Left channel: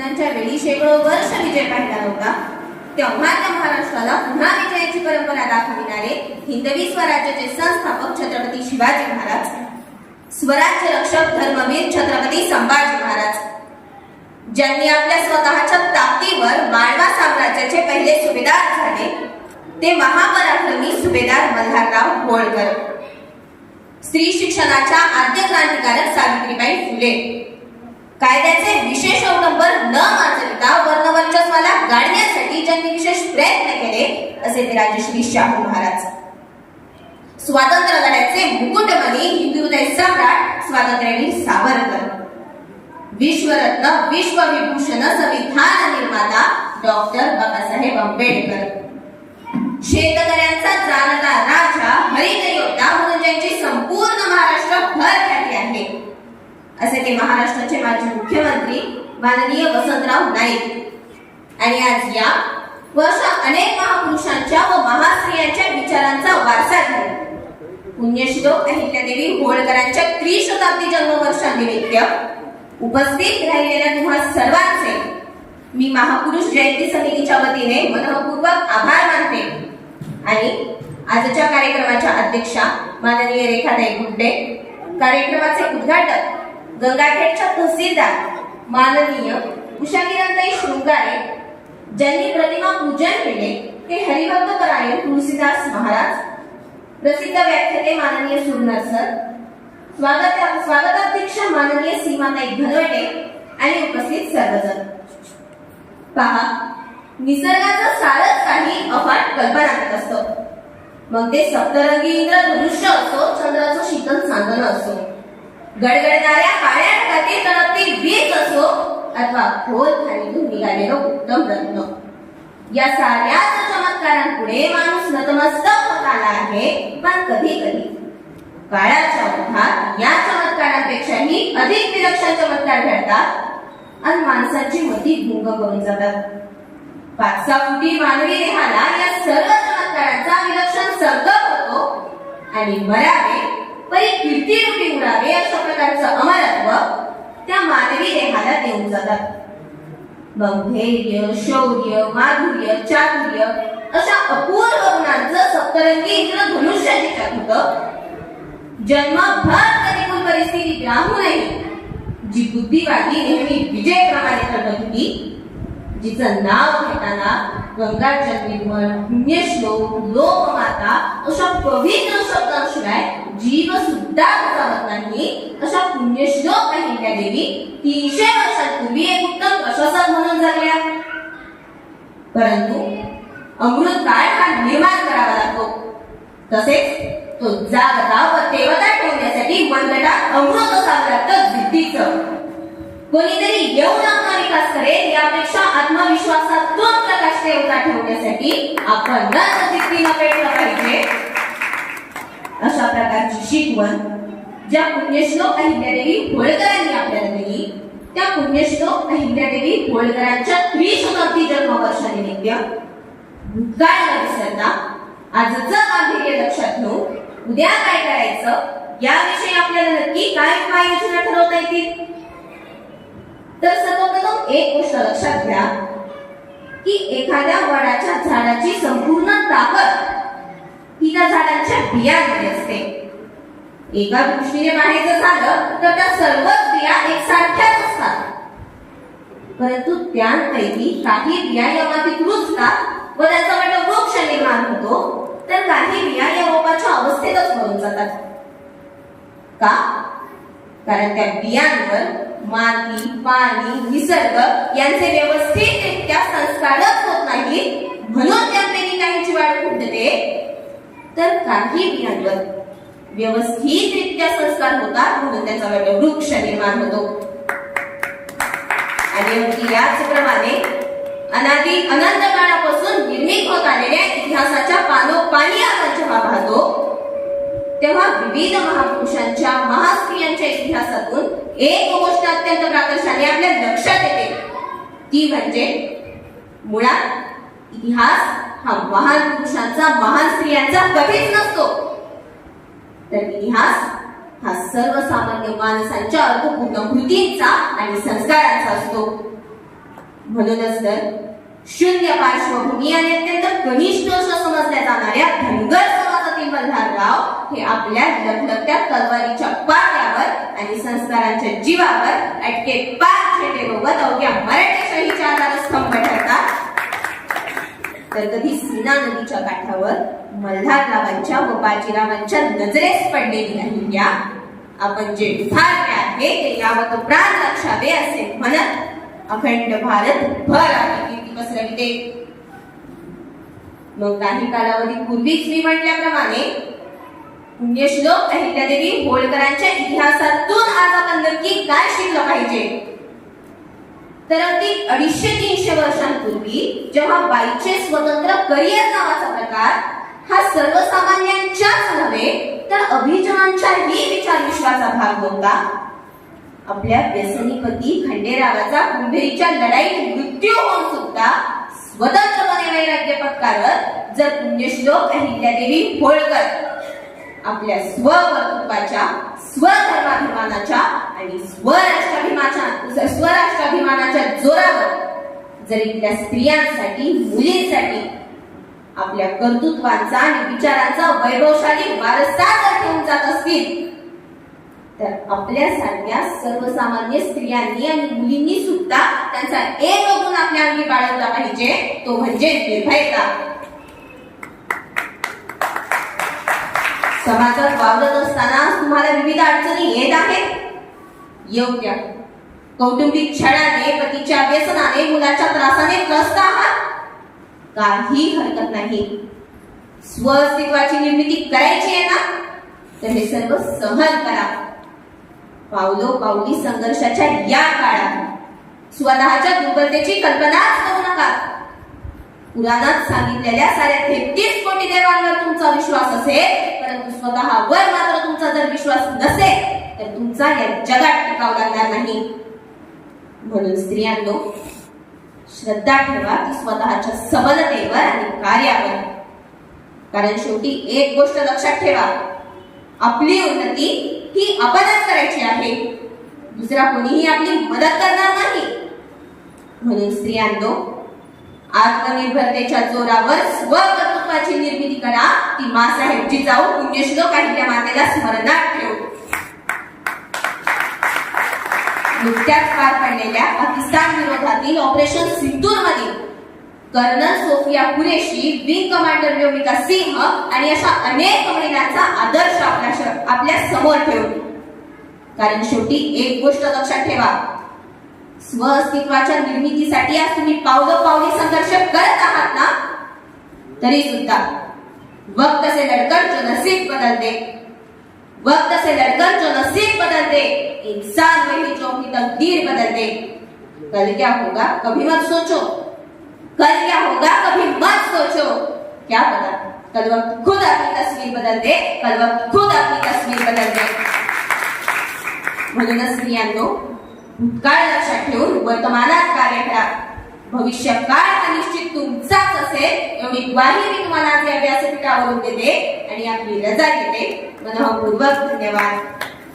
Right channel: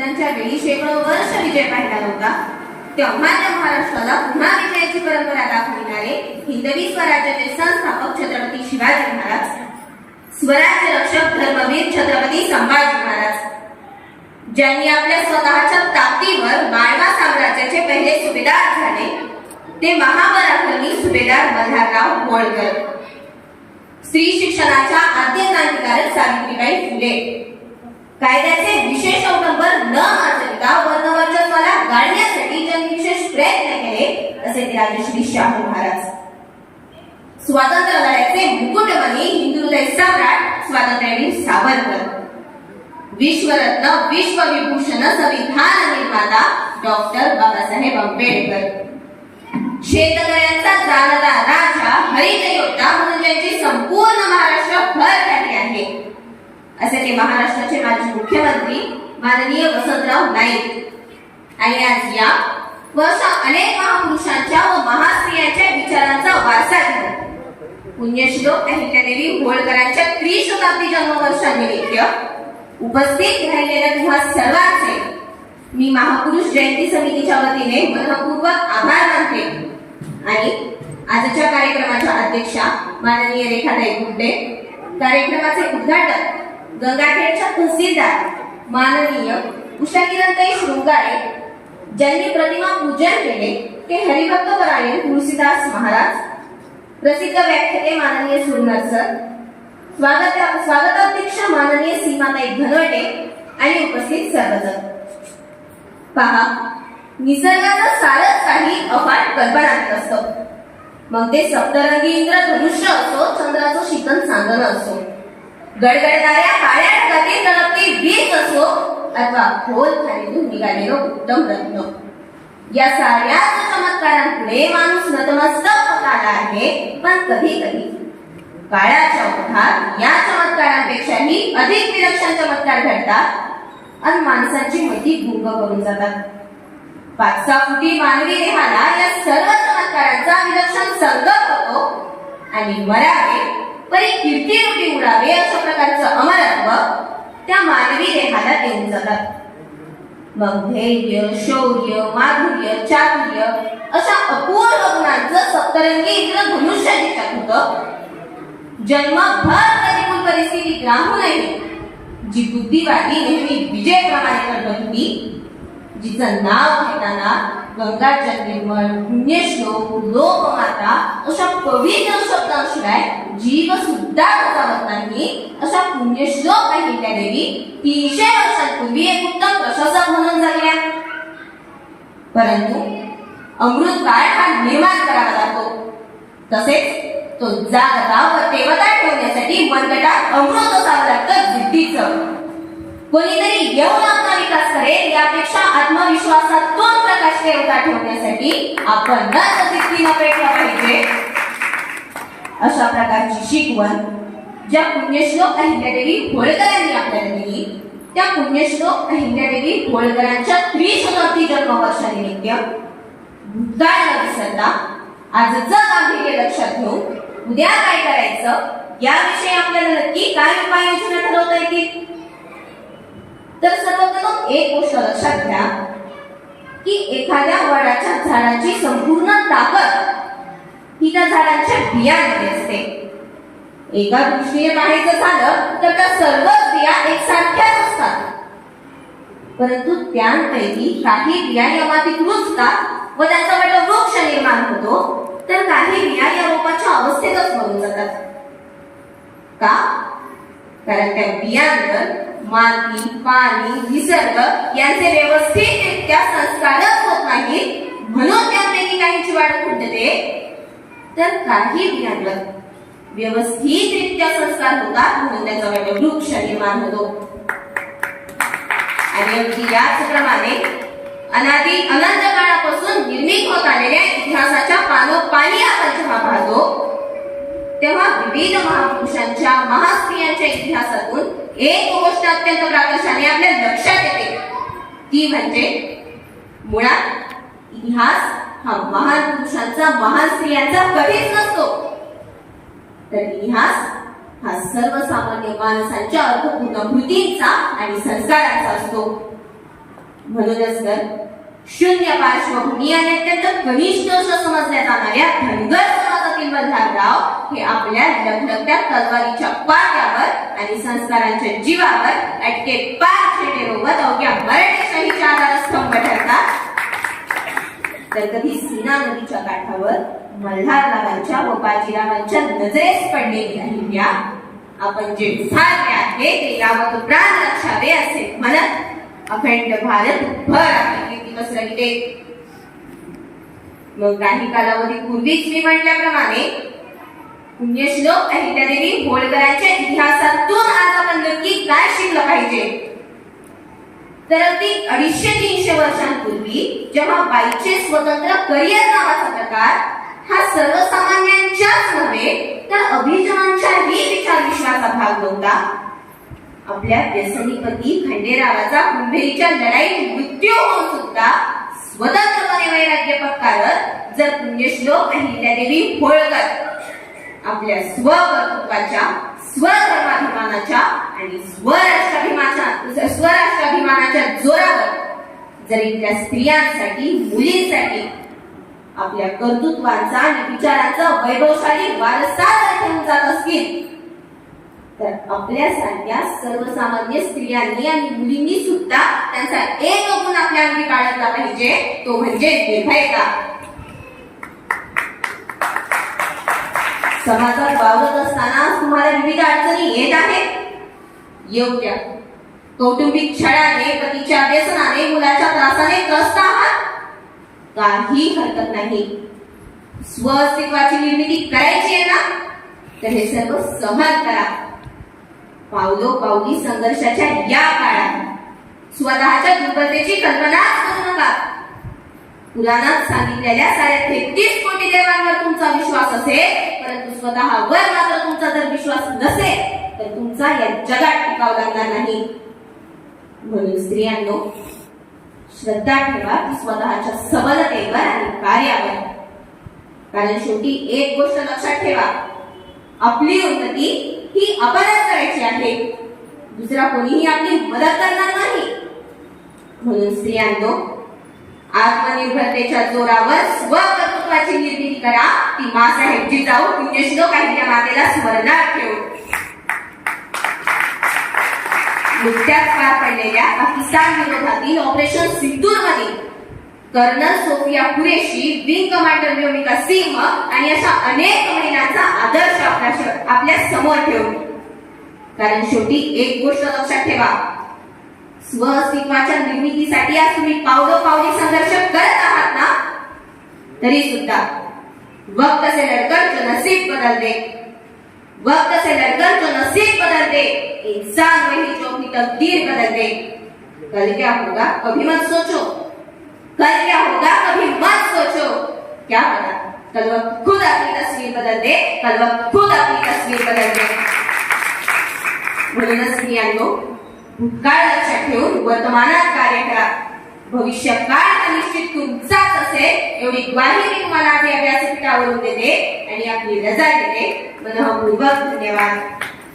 बंधनांच्या वेळी शेकडो वर्ष विजय पाहिला नव्हता, तेव्हाच्या महाराष्ट्राला पुन्हा विजयाची परंपरा दाखविणारे हिंदवी स्वराज्याचे संस्थापक छत्रपती शिवाजी महाराज, स्वराज्य रक्षक धर्मवीर छत्रपती संभाजी महाराज, ज्यांनी आपल्या स्वतःच्या ताकदीवर माळवा साम्राज्याचे पहिले सुभेदार झाले, ते महापराक्रमी सुभेदार मल्हारराव होळकर. स्त्री शिक्षणाच्या आद्य क्रांतिकारक सावित्रीबाई फुले, कायद्याचे विशेष अवलंबन न आचरता वर्णवर्चस्वाला गाडण्यासाठी ज्यांनी विशेष प्रयत्न केले, असे ते राजश्री शाहू महाराज. स्वातंत्र्य लढ्याचे मुकुटमणी हिंदुहृदय सम्राट स्वातंत्र्यवीर सावरकर, विश्वरत्न विश्वविभूषण संविधान निर्माता डॉक्टर बाबासाहेब आंबेडकर, शेतकऱ्यांचा जाणता राजा हरित योद्धा म्हणून ज्यांची संपूर्ण महाराष्ट्र भर ख्याती आहे, असे ते महाराष्ट्राचे माजी मुख्यमंत्री माननीय वसंतराव नाईक. आणि आज या वर्षा अनेक महापुरुषांच्या व महास्त्रियांच्या विचारांचा वारसा घेऊन पुण्यश्लोक अहिल्यादेवी होळकरांच्या त्रिशताब्दी जन्मवर्षानिमित्त उपस्थित राहिलेल्या तुम्हा सर्वांचे मी महापुरुष जयंती समितीच्या वतीने मनःपूर्वक आभार मानते. आणि आजच्या कार्यक्रमाच्या अध्यक्षा माननीय रेखाताई गुड्डे, कार्यक्रमाचे उद्घाटन गंगाखेडच्या तहसीलदार माननीय उषाकिरणताई शृंगारे, ज्यांनी प्रतिमा पूजन केले ते हरिभक्त परायण तुळशीदास महाराज, प्रसिद्ध व्याख्याते माननीय सुरनर सर, स्वागताध्यक्ष माननीय सीमाताई धनवटे आणि उपस्थित सर्वजण. पहा, निसर्गाचं सारच काही अफाट कल्पनातीत असतं. मग ते सप्तरंगी इंद्रधनुष्य असो, चंद्राचं शीतल चांदणं असो, गडगडणाऱ्या काळ्या ढगातील तळपती वीज असो, अथवा खोल खाणीतून निघालेलं उत्तम रत्न, या साऱ्याच चमत्कारांपुढे माणूस नतमस्तक होत आला आहे. पण कधी कधी काळाच्या ओघात या चमत्कारांपेक्षाही अधिक विलक्षण चमत्कार घडतात आणि माणसाची मती गुंग करून जातात. 5-6 फुटी मानवी देहाला या सर्व चमत्कारांचा विलक्षण संकल्प होतो आणि मरावे परी कीर्ती रूपी उडावे अशा प्रकारचं अमरत्व त्या मानवी देहाला देऊन जातात. मग धैर्य, शौर्य, माधुर्य, चातुर्य अशा अपूर्व गुणांचं सप्तरंगी इंद्रधनुष्य जिच्यात होतं. जन्मभर प्रतिकूल परिस्थिती राहूनही जी बुद्धिवादी नेहमी विजयप्रमाणे करत होती, जिचं नाव घेताना गंगा जन्मेवर, पुण्यश्लोक, लोकमाता अशा पवित्र शब्दांशिवाय जीव सुद्धा जावत नाही, अशा पुण्यश्लोक अहिल्यादेवी 300 वर्षांपूर्वी एक उत्तम प्रशासक म्हणून जगल्या. परंतु अमृत काळ हा निर्माण करावा लागतो, तसेच तो जागता व तेवता ठेवण्यासाठी मनगटात अमृत असावं लागतं जिद्दीचं. कोणीतरी येऊन आपला विकास करेल यापेक्षा आत्मविश्वासातून प्रकाश तेवता ठेवण्यासाठी आपण जिद्दीनं पेटलं पाहिजे. अशा प्रकारची शिकवण ज्या पुण्यश्लोक अहिल्यादेवी होळकरांनी आपल्याला दिली, त्या पुण्यश्लोक अहिल्यादेवी होळकरांच्या त्रिशताब्दी जन्मवर्षानिमित्त भूतकाळ न विसरता आजचं गांभीर्य लक्षात घेऊन उद्या काय करायचं याविषयी आपल्याला नक्की काय उपाययोजना ठरवता येतील. तर सर्वप्रथम एक गोष्ट लक्षात घ्या की एखाद्या वडाच्या झाडाची संपूर्ण ताकद ही त्या झाडांच्या बियांमध्ये असते. एका दृष्टीने पाहायचं झालं तर त्या सर्वच बिया एकसारख्याच असतात, परंतु त्यांपैकी काही बिया या मातीत रुजतात व त्याचा वटवृक्ष निर्माण होतो, तर काही बिया या रोपाच्या अवस्थेतच मरून जातात. का? कारण त्या बियांवर माती, पाणी, निसर्ग यांचे व्यवस्थितरित्या संस्कारच होत नाही, म्हणून त्यापैकी काहींची वाढ खुंटते, तर काही बियांवर व्यवस्थितरित्या संस्कार होतात म्हणून त्याचा वटवृक्ष निर्माण होतो. आणि अगदी याचप्रमाणे अनादी अनंत काळापासून निर्मित होत आलेल्या इतिहासाच्या पानोपानी आपण जेव्हा पाहतो, तेव्हा विविध महापुरुषांच्या, महास्त्रियांच्या इतिहासातून एक गोष्ट अत्यंत प्राकर्षाने आपल्या लक्षात येते, ती म्हणजे मुळात इतिहास हा महान पुरुषांचा, महान स्त्रियांचा कधीच नसतो, तर इतिहास हा सर्वसामान्य माणसांच्या अर्थपूर्ण कृतींचा आणि संस्कारांचा असतो. म्हणूनच तर शून्य पार्श्वभूमी आणि अत्यंत कनिष्ठ समजल्या जाणाऱ्या धनगर समाजातील मल्हारराव हे आपल्या लखलखत्या तलवारीच्या पाट्यावर आणि संस्कारांच्या जीवावर अटके 5 झेंडेसोबत अवघ्या मराठेशाहीच्या आधारस्तंभ ठरतात, तर कधी सीना नदीच्या काठावर मल्हाररावांच्या व बाजीरावांच्या नजरेस पडलेली राहिल्या आपण जे उभारले आहे ते यावत प्राण रक्षावे असे म्हणत अखंड भारत भर आपली कीर्ती पसरविते. मग काही कालावधीपूर्वीच मी म्हटल्याप्रमाणे पुण्यश्लोक अहिल्यादेवी होळकरांच्या इतिहासातून आज आपण नक्की काय शिकलं पाहिजे, तर अगदी 250-300 वर्षांपूर्वी जेव्हा बाईचे स्वतंत्र करिअर नावाचा प्रकार हा सर्वसामान्यांच्याच नव्हे तर अभिजनांच्याही विचार विश्वाचा भाग होता, आपल्या व्यसनीपती खंडेरावाचा कुंभेरीच्या लढाईत मृत्यू होऊन सुद्धा स्वतंत्रपणे वैराग्य पत्कारत जर पुण्यश्लोक अहिल्यादेवी होळकर आपल्या स्वकर्तृत्वाच्या, स्वधर्माभिमानाच्या आणि स्वराष्ट्राभिमानाच्या जोरावर जर इथल्या स्त्रियांसाठी, मुलींसाठी आपल्या कर्तृत्वांचा आणि विचारांचा वैभवशाली वारसा जर ठेवून जात असतील, तर आपल्यासारख्या सर्वसामान्य स्त्रियांनी आणि मुलींनी सुद्धा त्यांचा एक गुण आपल्या अंगी बाळगला पाहिजे, तो म्हणजे निर्भयता. समाजात वावरत असताना तुम्हाला विविध अडचणी येत आहेत, येऊ द्या. कौटुंबिक छळाने, पतीच्या व्यसनाने, मुलाच्या त्रासाने त्रस्त आहात, काही हरकत नाही. स्वअस्तित्वाची निर्मिती करायची आहे ना, तर हे सर्व सहन करा. पावलोपावली संघर्षाच्या या काळात स्वतःच्या दुर्बलतेची कल्पनाच करू नका. पुराणात सांगितलेल्या 33 कोटी देवांवर तुमचा विश्वास असेल, परंतु स्वतःवर मात्र तुमचा जर विश्वास नसेल तर तुमचा या जगात टिकाव लागणार नाही. म्हणून स्त्रियांनो, श्रद्धा ठेवा स्वतःच्या सबलतेवर आणि कार्यावर. कारण शेवटी एक गोष्ट लक्षात ठेवा, आपली उन्नती ही आपणच करायची आहे, दुसरा कोणीही आपली मदत करणार नाही. म्हणून स्त्रियांनो, आत्मनिर्भरतेच्या जोरावर स्वकर्तृत्वाची निर्मिती करा. ती मासाहेब जिजाऊ पुण्यश्लोक अहिल्या मातेला स्मरणात ठेवू. नुकत्याच पार पडलेल्या पाकिस्तान विरोधातील ऑपरेशन सिंदूर मध्ये colonel Sofiya Qureshi, wing commander Vyomika Singh आणि अशा अनेक महिलांचा आदर्श आपल्या समोर ठेवू. कारण शेवटी एक गोष्ट लक्षात ठेवा, स्वअस्तित्वाच्या निर्मितीसाठी आज तुम्ही पावलोपावली संघर्ष करत आहात ना, तरी सुद्धा वक्त से लड़कर जो नसीब बदल दे, वक्त से लड़कर जो नसीब बदल दे, इंसान वही जो अपनी तकदीर बदल दे. कल क्या होगा कभी मत सोचो, कल क्या होगा कभी मत सोचो. क्या पता कल वक्त खुद अपनी तस्वीर बदल दे, कल वक्त खुद अपनी तस्वीर बदल दे. म्हणूनच स्त्रियांनो, भूतकाळ लक्षात ठेवून वर्तमानात कार्य करा. भविष्य काळ निश्चित तुमचाच असेल एवढी ग्वाही मी तुम्हाला आज या व्यासपीठावरून देते आणि आपली रजा घेते. मनःपूर्वक धन्यवाद.